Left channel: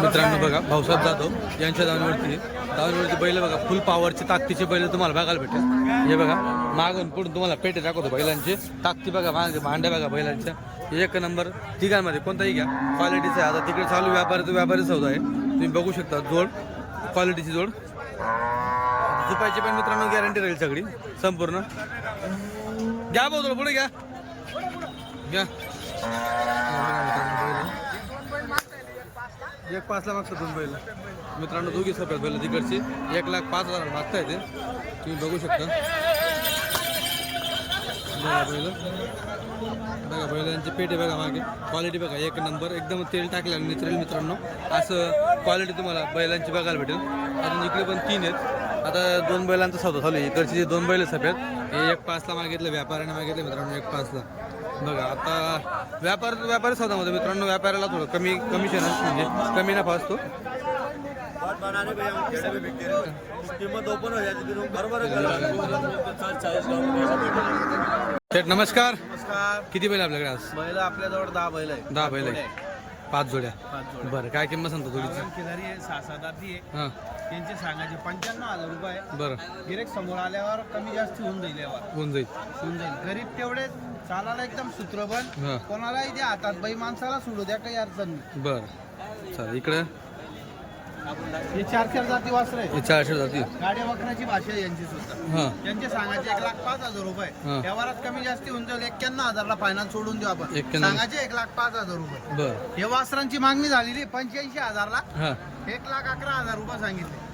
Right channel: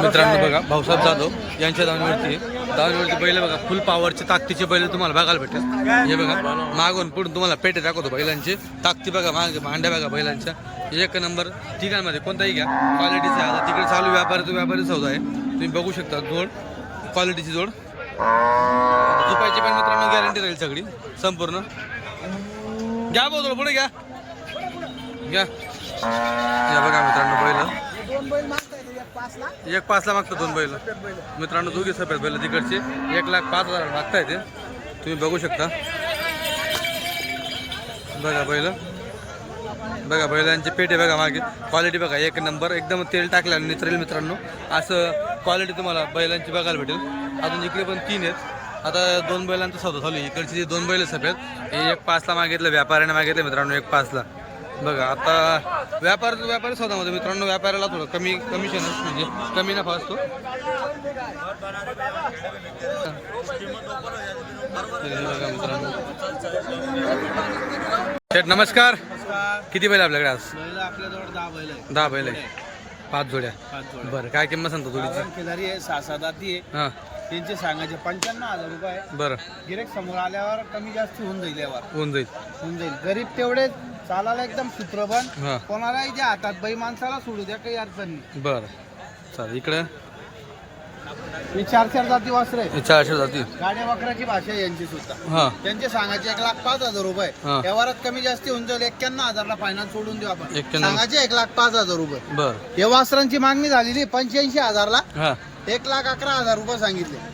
मित्रांनो बघा भाऊसाहेब जाधव यांच्या दावणीवरती आहे. दावणीवरती बैल बघा फुल पॉवरचे ताकदीचे बैल तुम्हाला बघायला भेटेल. हे बघा मागून पुढून तुम्हाला पेटे दाखवतो बैलांचे. ताकदी बघा मागे भांड्या बघा बैलांच्या. एक नंबर ठिकाणमध्ये कोणताही घ्या. क्वालिटीचं आहे. आता तिकडे चालू व्यापारी तो व्यापारी सौदा आहे. तुम्ही बघू शकता जोड क्वालिटीची जोड. दुपायची झुपायची पण मित्रांनो गॅरंटी राहील सगळी संपूर्ण. घ्या भाऊ पुढे घ्या. घ्या. या बघा मित्रांनो बैल. एक पाचला मागतं दोन बैल. मित्रांनो दोघी सफेद बैल तिकडचे एक लाख पाच हजार मागताय ते. तुम्ही बघू शकता. बघा बैल. बघा बैलांचे पेटे बघा मागे. क्वालिटी बघा एक नंबर एकदम तेल टाकल्याने निचरेल मित्रांनो. असं क्वालिटी तुम्हाला बैलांची बघायला भेटेल. अजून इकडे पण तीन आहेत. आता दोन बैलांचं सौदा चालू आहे. इकडचे जे दोन बैल सफेद हे एक पाचला मागितलं व्यापाऱ्याने मागितलं मित्रांनो एक पाचला. बघा आता व्यापार व्यापारी सौदामध्ये मित्रांनो व्यापाऱ्याला थोडं कमी कमिशन म्हणजे कमी नफा असतो. शेठ नमस्कार. नमस्कार. किती बैल आपल्याकडे आज? आपल्याजवळ दहा बैल आहे दहा बैल आहे पाच जोड्या. पाच जोड बरं काय किंमत सांगतो किनारी आहे सहा सात आती आहे. हां. त्यांचे सांगायचे पंच्याण्णव हजार रुपये बरं. गिरेक समोर आल्यावर कमी जास्त होऊन जाईल यावर. होऊन जाईल. होऊन जाईल. गरीब तेवढे चालायला एकदम सूत्रबन हां. कोणालाही द्या हातात बाई माणसाला सोडू द्या काही अडचण नाही. बरं. चालेल इकडं? हे चार चार जाती वासरे हे चारशे जाती. गाड्या वखराची भाषा आहे यांची सुद्धा. हां. त्यांचे सांगायचे एक लाख पाच हजार रुपये. हा. व्यवहारात कमी जास्ती होऊन जाईल एक्क्याण्णव हजारला फायनान्स सोडून देऊ आपण. 91. सांगायचे एक लाख पाच हजार रुपये. बरं. हे वासरांची मागणी झालेली पंच्याऐंशी हजारला. हां. एक लाख अकरा हजार रुपये सांगितले.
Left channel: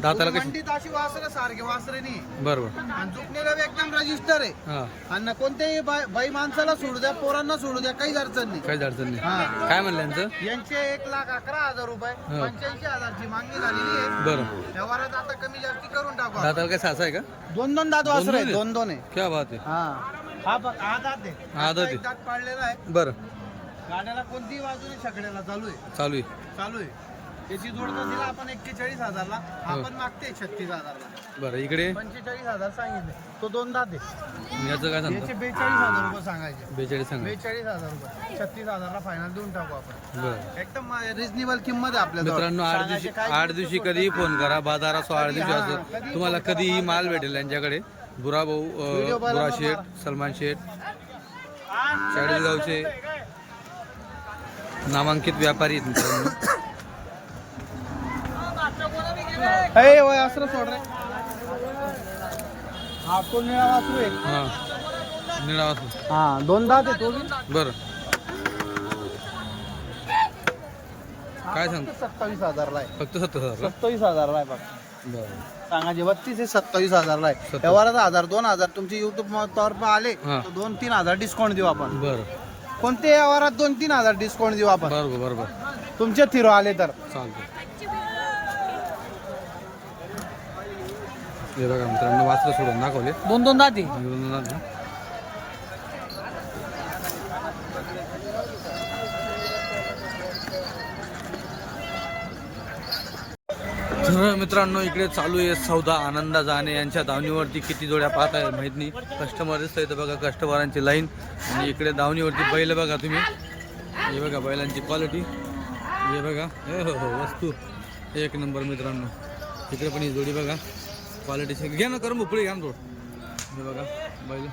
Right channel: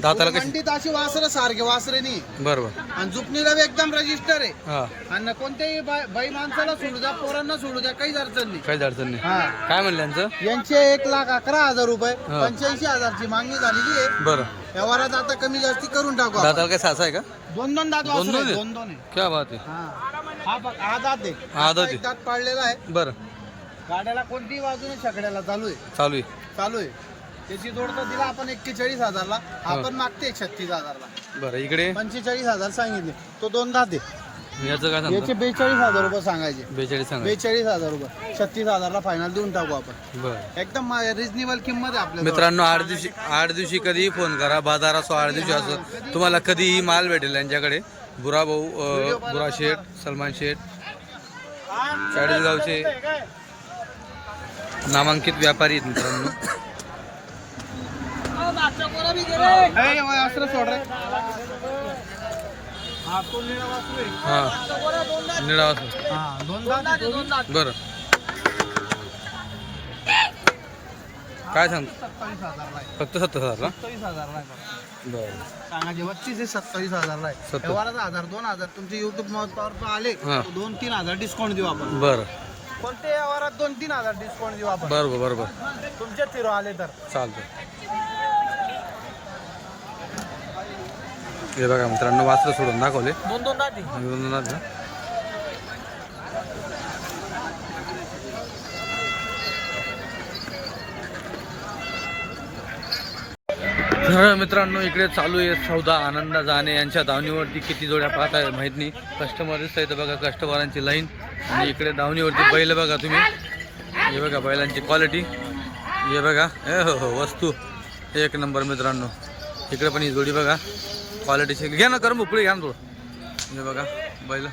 दाताला कशी? अशी वासरे सारखे वासरे नाही. बरं बरं आणि जुकणीला बी एकदम रजिस्टर आहे. हां. आणि कोणत्याही बाई बाई माणसाला सोडू द्या पोरांना सोडू द्या काहीच अडचण नाही. काहीच अडचण नाही. हा. काय म्हणलं यांचं? यांचे एक लाख अकरा हजार रुपये हा. पंच्याऐंशी हजारची मागणी झालेली आहे. बरं. व्यवहारात आता कमी जास्ती करून टाकू आपण. दाताला काय सासा आहे का? दोन दोन दात वासरे दोन आहेत, आहेत? दोन दोन आहे क्या बात आहे. हा. हा बघ हा दात आहे. हा दात आहे. एक दात पाडलेला आहे. बरं. गाड्याला कोणतीही बाजूने छकड्याला चालू आहे. चालू आहे. चालू आहे. त्याची जोड तर दिला आपण एक्केचाळीस हजारला. आपण मागते एक छत्तीस हजारला. बरं इकडे? पंचेचाळीस हजार सांगितले. तो दोन आहे याचं काय सांगतो? याचे बेचाळीस हजार रुपये सांगायचे. बेचाळीस सांगा बेचाळीस हजार रुपये. छत्तीस हजारला फायनल देऊन टाकू आपण. बरं. एकदम रिजनेबल किंमत आहे आपल्या मित्रांनो आठ दिवशी आठ दिवशी कधीही फोन करा. बाजार असो आठ दिवशी असो. तुम्हाला कधीही माल भेटेल यांच्याकडे. बुरा भाऊ अं, बुरा शेठ सलमान शेठ चाळीसगावचे नामांकित व्यापारी आहेत मित्रांनो. असं सोड रे. हा तो निळा वासरू आहे हां. निळा असो. हा दोन दात आहे तो बी. बरं. काय सांगतो सत्तावीस हजारला आहे. फक्त सत्तर हजारला? सत्तावीस हजारला आहे फक्त बरं. सांगायचे बत्तीस हे सत्तावीस हजारला आहे. सत्तावीस. व्यवहारात हजार दोन हजार तुमचे युट्यूब तर्फ आले हा. तर दोन तीन हजार डिस्काउंट देऊ आपण. बरं. कोणत्या व्यवहारात दोन तीन हजार डिस्काउंट देऊ आपण. बरोबर बरोबर. तुमचे थिरो आले तर. चालतं हे बघा मित्रांनो वाचलं सोडून दाखवले. दोन दोन दाती तर मित्रांनो इकडे चालू आहे सौदा आनंदा जाणे. यांच्या दावणीवरती किती जोड्या पाहत आहे माहीत नाही. कस्टमर दिसत इथं बघा कस्टमरांची लाईन आणि इकडे दावणीवरती बैल बघा तुम्ही. हे बघा बैलांची क्वालिटी हे बघा. ए हो हो वस्तू. एक नंबर मित्रांनो. इकडे पण ही जोडी बघा. क्वालिटीची घ्या ना करून पुढे घ्या ना थोडं. हे बघा बैल.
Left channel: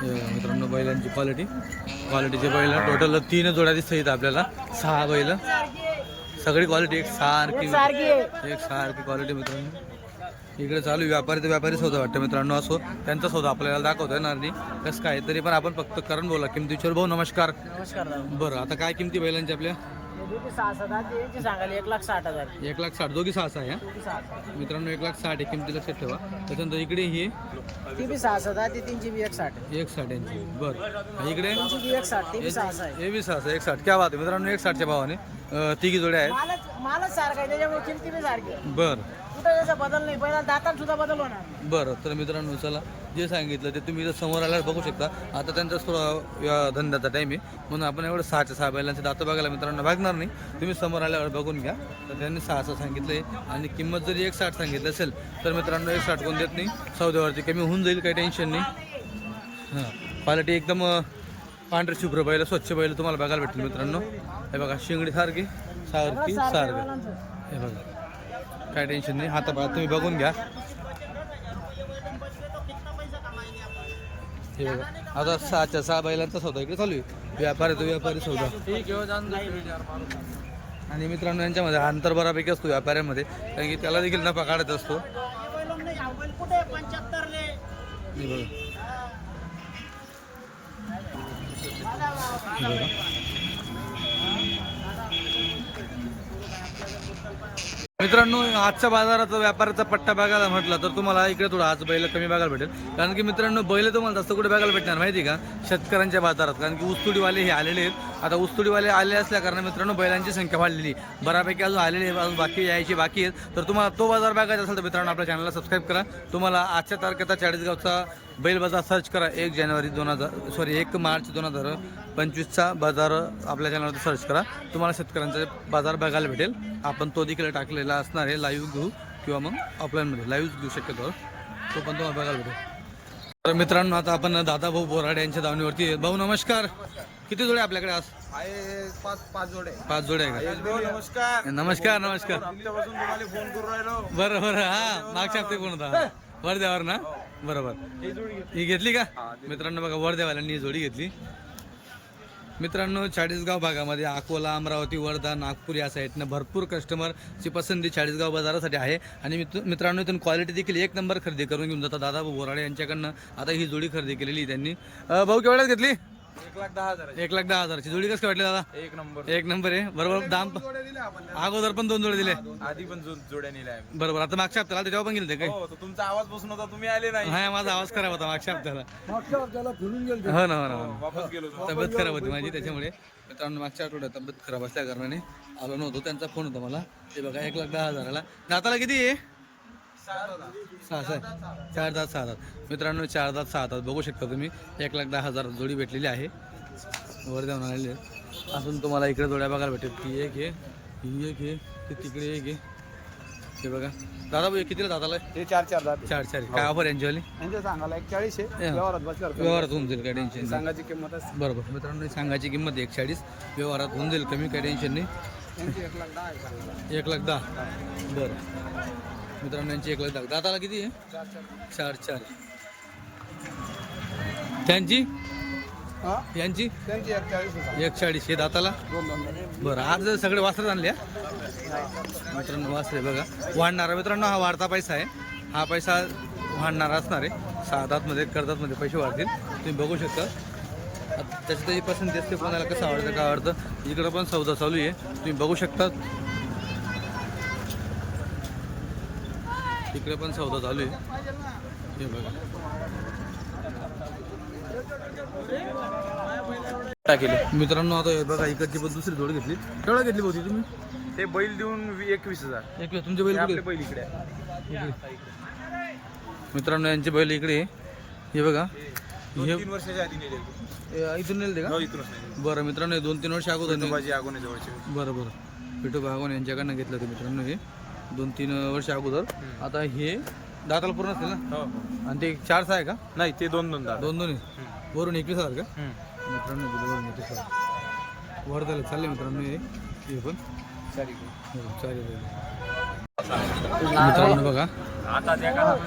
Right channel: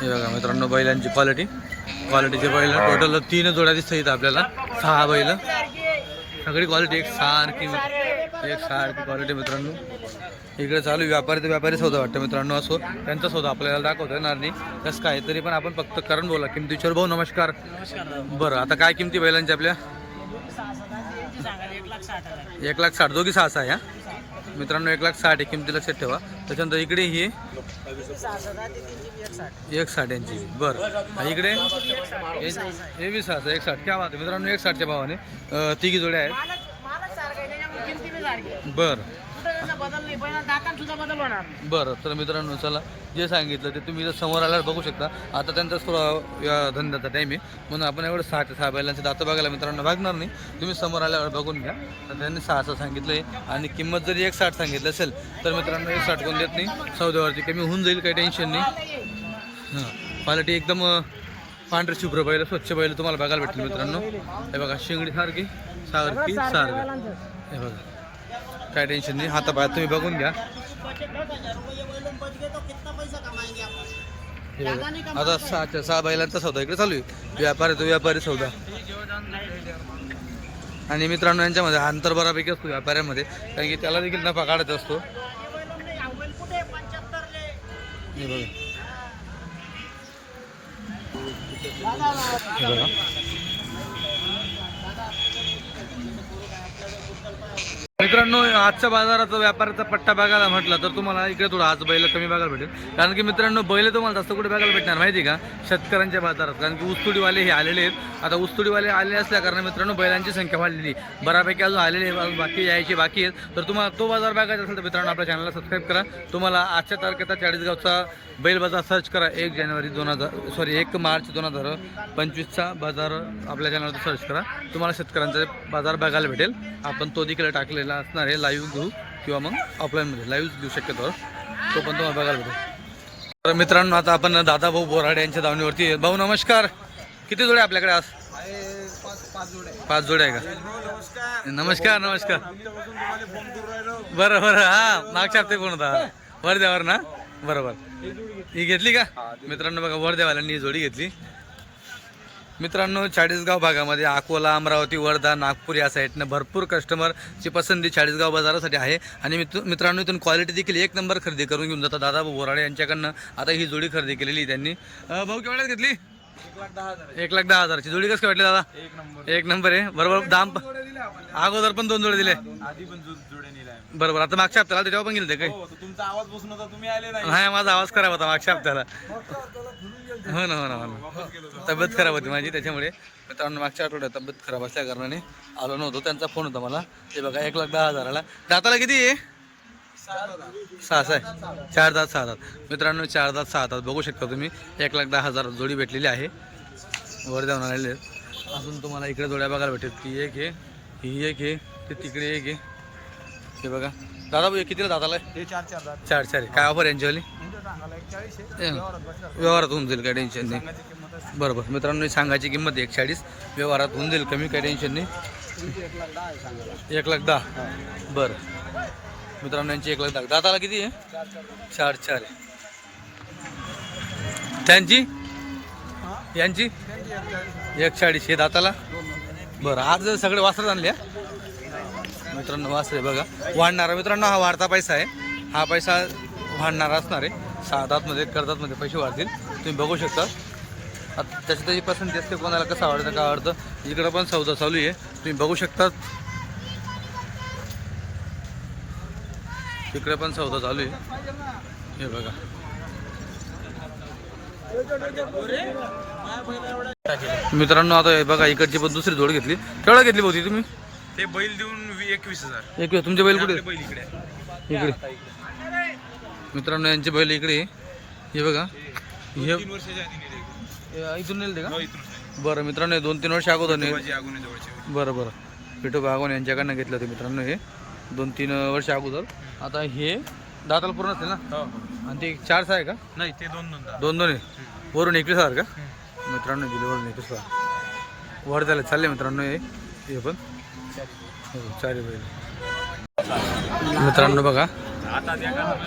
हे बघा मित्रांनो बैलांची क्वालिटी क्वालिटीचे बैल टोटल तीन जोड्या दिसत इथं आपल्याला. सहा बैल. सगळी क्वालिटी एक सारखी एक सारखी क्वालिटी मित्रांनो. इकडे चालू व्यापारी तर व्यापारी सौदा वाटतं मित्रांनो असो त्यांचा सौदा आपल्याला दाखवतो येणार नाही कसं काय तरी पण आपण फक्त करण बोला. किमतीच्यावर भाऊ नमस्कार. नमस्कार बरं आता काय किमती बैलांची आपल्या? एक लाख साठ दोघी सहा सहा आहे हा? मित्रांनो एक लाख साठ आहे किमती लक्षात ठेवा. त्याच्यानंतर इकडे ही एक साठ यांची. बरं. इकडे? बी सहा सहा एक साठ. क्या बात आहे. मित्रांनो एक साठच्या भावाने तिघी जोड्या आहेत. बरं. कुठं बदल नाही पहिला सुद्धा बदल होणार बरं तर मित्रांनो चला जे सांगितलं ते तुम्ही इथं समोर आल्यावर बघू शकता. आता त्यांचा थोडा या धंद्याचा टाईम आहे. म्हणून आपण एवढं सहाच्या सहा बैलांचे दातं बघायला मित्रांनो भागणार नाही. तुम्ही समोर आल्यावर बघून घ्या. तर त्यांनी सहाचं सांगितलं आहे आणि किंमत जरी एक साठ सांगितलं असेल तर मित्रांनो एक साठ कोण देत नाही. सौद्यावरती कमी होऊन जाईल काही टेन्शन नाही. हां क्वालिटी एकदम अं, पांढरे शुभ्र बैल स्वच्छ बैल तुम्हाला बघायला भेटतील मित्रांनो. हे बघा शिंगडी सारखी सारखी सारखं. हे बघा. काय टेन्शन नाही. हातापायात तुम्ही बघून घ्या. हे बघा. आता सहाच्या सहा बैलांचा सौदा इकडे चालू आहे. व्यापारी तो व्यापारी सौदा. आणि मित्रांनो यांच्यामध्ये अंतर बऱ्यापैकी असतो व्यापाऱ्यांमध्ये. कारण की त्याला देखील नफा काढत असतो. हे बघा. हे बघा. मित्रांनो आजच्या बाजाराचा व्यापाराचा पट्टा बघायला म्हटलं तर तुम्हाला इकडे थोडं आज बैल कमी बघायला भेटेल. कारण की मित्रांनो बैल तुम्हाला जास्त कुठे बघायला भेटणार माहिती आहे का? शेतकऱ्यांच्या बाजारात. कारण की ऊसतोडीवाले हे आलेले आहेत. आता ऊसतोडीवाले आले असल्या कारण मित्रांनो बैलांची संख्या वाढलेली बऱ्यापैकी अजून आलेले आहे, अजून बाकी यायची बाकी आहेत. तर तुम्हाला तो बाजार बघायचा असेल तर मित्रांनो आपल्या चॅनलला सबस्क्राईब करा. तुम्हाला आजच्या तारखेचा चाळीसगावचा बैल बाजार सर्च करा एक जानेवारी दोन हजार सॉरी एक मार्च दोन हजार पंचवीसचा बाजार आपल्या चॅनलवर सर्च करा. तुम्हाला शेतकऱ्यांचा बाजार बघायला भेटेल. आपण तो देखील टाकलेला असणार आहे लाईव्ह घेऊ किंवा मग ऑफलाईनमध्ये लाईव्ह घेऊ शक्यतो. तो पण तुम्हाला बघायला भेटेल. तर मित्रांनो आता आपण दादा भाऊ बोराडे यांच्या दावणीवरती. भाऊ नमस्कार. किती जोडे आपल्याकडे आज? पाच जोडे आहे का? नमस्कार नमस्कार. बरं बरं. हा मागच्या हप्ते कोण होता. वरद्यावर ना. बरोबर. ही घेतली का? मित्रांनो बघा वरदेवाल्यांनी ही जोडी घेतली. मित्रांनो चाळीसगाव भागामध्ये अकोला अमरावती वर्धा नागपूर या साईडनं भरपूर कस्टमरची पसंती चाळीसगाव बाजारासाठी आहे. आणि मित्र मित्रांनो इथून क्वालिटी देखील एक नंबर खरेदी करून घेऊन जातात. दादा बोराडे यांच्याकडनं आता ही जोडी खरेदी केलेली आहे त्यांनी. भाऊ केवढ्यात घेतली? एक लाख दहा हजार एक लाख दहा हजारची. जोडी कसं काय वाटली दादा? एक नंबर. एक नंबर आहे. बरोबर. दाम प- जोड्या दिल्या आपण अगोदर पण दोन जोडे दिले आधी पण जो- जोड्या आम्ही. बरोबर. आता मागच्या हप्त्याला त्याच्यावर पण गेले काय? हो तर तुमचा आवाज बसून होता तुम्ही आले नाही. नाही माझा आवाज खराब होता मागच्या हप्त्याला. हो ना हो ना हो ना. वापस गेलो तब्येत खराब होती माझी त्याच्यामुळे. मित्रांनो मागच्या आठवड्यात तब्येत खराब असल्या कारणाने आलो नव्हतो त्यांचा फोन होता मला. ते बघा एक लाख दहा हजाराला. दाताला किती आहे? सहा सहा आहे. चार दात सहा दात. मित्रांनो चार दात सहा दात. बघू शकता तुम्ही एक लाख दहा हजार जोडी भेटलेली आहे. वर जाऊन आलेले आहेत. अजून तुम्हाला इकडे जोड्या बघायला भेटेल. ती एक आहे ही एक आहे ते तिकडे एक आहे. हे बघा. दादा भाऊ कितीला? हे चार चार चार चार काय ऑफर यांच्यावाली. व्यवहारात होऊन जाईल काय टेन्शन नाही. बरोबर. मित्रांनो सांगायची किंमत एक चाळीस. व्यवहारात होऊन जाईल कमी काही टेन्शन नाही. एक लाख दहा. बरं. मित्रांनो यांची एक लाख दहा दाताला किती आहे? चार चार आहे. त्यांची? यांची? एक चाळीस हे दाताला? बरं आज जर सगळे वासरं आणले मित्रांनो वासरे बघा. वाढणारा मित्रांनो हा वाढता पैसा आहे. हा पैसा वाढणारा असणार आहे. सहा दातमध्ये कर्जातमध्ये पैसे वाढतील. तुम्ही बघू शकता. आता त्याची त्याची पसंती असते कोणाला कसं आवडतं का आवडतं. इकडं पण सौदा चालू आहे. तुम्ही बघू शकता. इकडे पण सौदा चालू आहे. हे बघा? मित्रांनो आता हे बघा इकडची पण दुसरी जोड घेतली. केवढा घेतली होती तुम्ही? ते बैल देऊन एकवीस हजार. एक तुमचे बैल कुठे बैल इकडे. इकडे. मित्रांनो यांचे बैल इकडे. हे बघा. हे इथून नेल ते का? हो. बरं मित्रांनो दोन तीन वर्ष अगोदर बरं बरं. पिठू बागवान यांच्याकडनं घेतलं होतं मित्रांनो हे. दोन तीन वर्ष अगोदर. आता हे दाताला पूर्ण असतील ना? हो हो. आणि ते चार सहा आहे का? नाही ते दोन दोन दोन दोन आहे. वरून एकवीस हजार का? मित्रांनो दिले वरून एकवीस हजार. वर झाले चालले मित्रांनो हे. हे पण. हो चारी बैल. मित्रांनो बघा.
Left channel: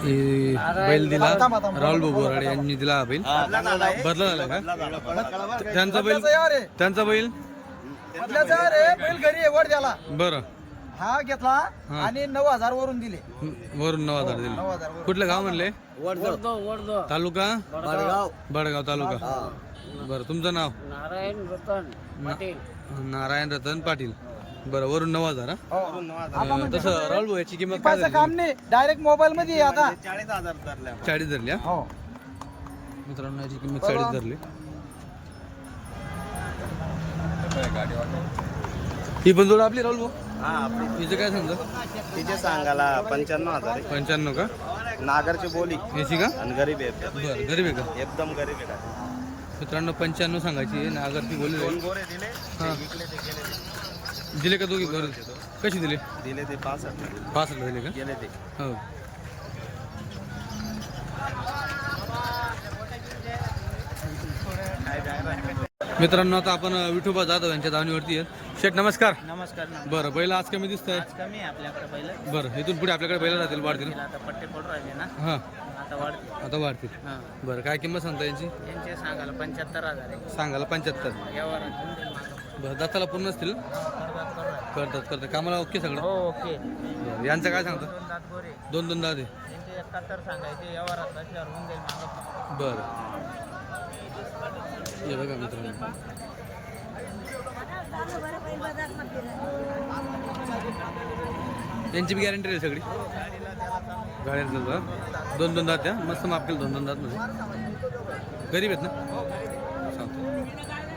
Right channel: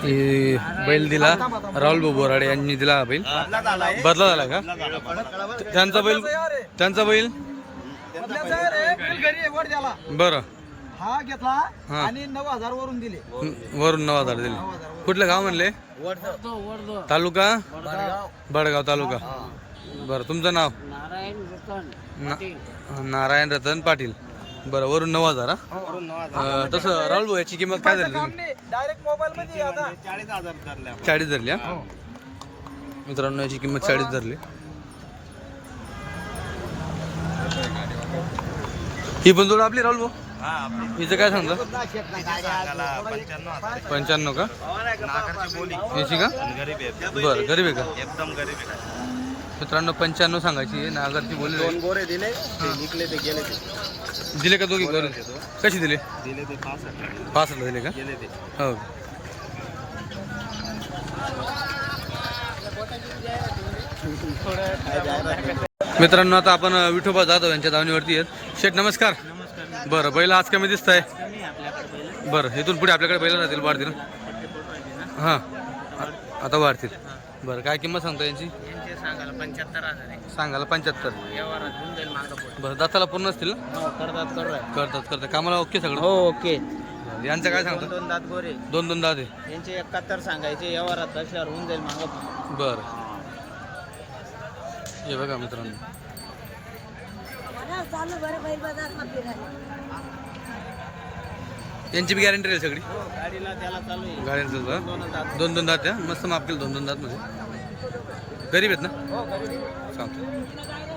हे बैल दिला राहुल भाऊ बोराडे यांनी दिला हा बैल. बदला झाला का? त्यांचा बैल त्यांचा बैल? बैल घरी आहे, वर द्याला बरं. हा घेतला हा. आणि नऊ हजार वरून दिले. वरून नऊ हजार दिले. कुठलं गाव म्हणले? तालुका? बडगाव. तालुका. बरं तुमचं नाव? नारायण रतन ना- नारायण रतन पाटील. बरं वरून नऊ हजार हा? अं, तसं राहुल भाऊ याची किंमत काय झाली काम नाही. डायरेक्ट मोबाईल मध्ये आहे आता. चाळीस धरली हा. मित्रांनो याची किंमत चाळीस धरली. ही पण जोड आपली राहुल भाऊ. हिचं काय सांगता? पंच्याण्णव हजार पंच्याण्णव का? नागरची बोली. याची का? आणि गरीब आहे. बरं गरीब आहे का? एकदम गरीब आहे. मित्रांनो पंच्याण्णव सांगायची आहे, नागरची दोन गोरे दिले हा. ते विकले ते गेले ते. दिले का दोघी बरं कशी दिले? दिले ते पासष्टला दिले. पासष्टला दिले का? गेले ते. हो. मित्रांनो आता आपण अ, विठोबा जाधव यांच्या दावणीवरती आहेत. शेठ नमस्कार. बरं बैल आज कमी दिसत आहे कमी आहे आपल्याकडे पहिलं बरं इथून पुढे आपल्याकडे बैल राहतील वाढतील आता पट्टे पडून राहिले ना. हां. आता वाढते आता वाढतील. बरं काय किंमत सांगता यांची? यांचे सांगायला पंच्याहत्तर हजार आहे. सांगायला पंच्याहत्तर. व्यवहारात होऊन जाईल मागं बरं दाताला पूर्ण असतील ना? करतात करू आहे करतात करतात. कामाला ओके सगळं? हो ओके. बरं यांचं काय सांगता? दोन दात गोरे. दोन दोन दादे यांचे एकाहत्तर सांगायचे व्यवहारात असल्यावर होऊन जाईल मागं बरं. हे बघा मित्रांनो. यांची बी गॅरंटी राहील सगळी? गाड्यांचं दोन दोन दात द्या मस्त माप केलं दोन दोन दात मध्ये गरीब आहेत ना? सांगतो